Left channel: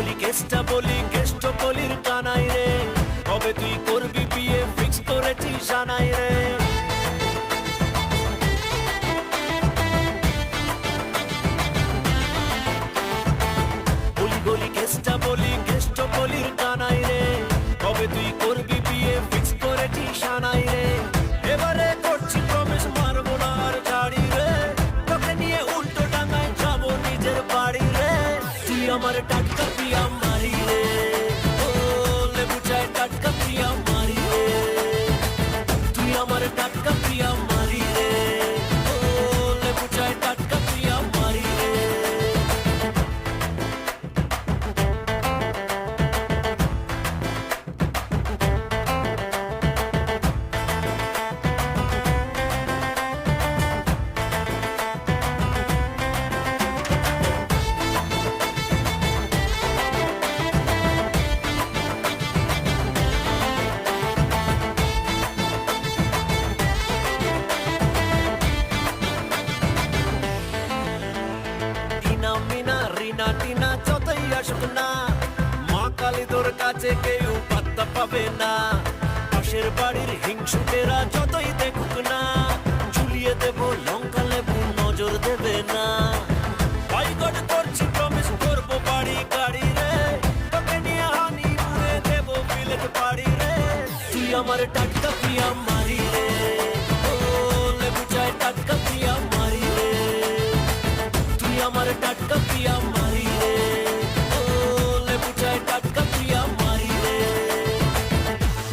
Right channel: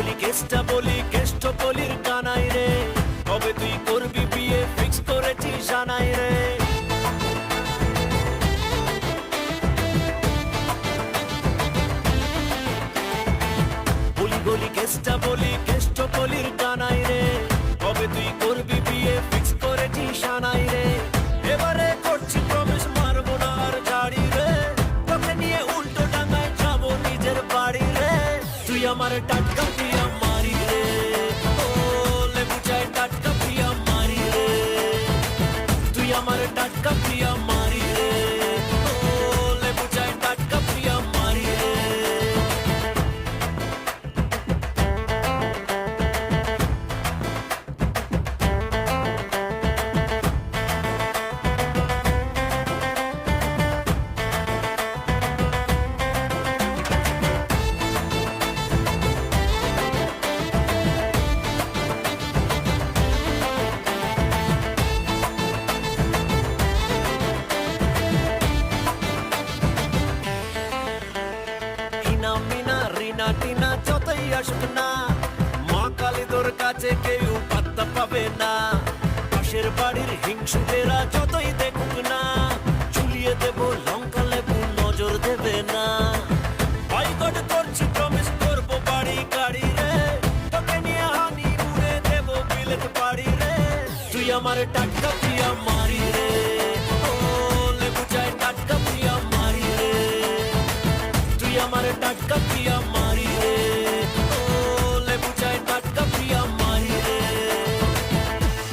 গলি কেসটা বলি কেষ্ট কলির কানাই রে, কবে তুই করবি বিয়ে ফিক্স করেছিস জানাই রে। গলি কেসটা বলি কেষ্ট কলির কানাই রে, কবে তুই করবি বিয়ে ফিক্স করেছিস জানাই রে। এবারে করছি প্রমিস মারবো না আর ঝাড়ি রে, তোকে নিয়ে উল্টো ডাঙায় যাবো নিজের বাড়ি রে। তুই আমার টাটকা প্রিয়া মারি রে, ও লেবু চায় টাটকা প্রিয়া মারি রে। তুই আমার টাটকা প্রিয়া মারি রে, ও লেবু চায় টাটকা প্রিয়া মারি রে। মিনা রিনা টিনা যতই আসুক না, মা কালী তোর কাছে কেউ পাত্তা পাবে না। পাশের বাড়ির হিংসুকেরা যতই দেখুক না, ঝুলিয়ে দেব লঙ্কা লেবু নজর দেবে না। বয়কট করছি প্রমিস করবো বাড়ি গাড়ি রে, তোকে নিয়ে হানি মুড়ে দেবো বিলেত পাড়ি রে। তুই আমার টাটকা প্রিয়া মারি রে।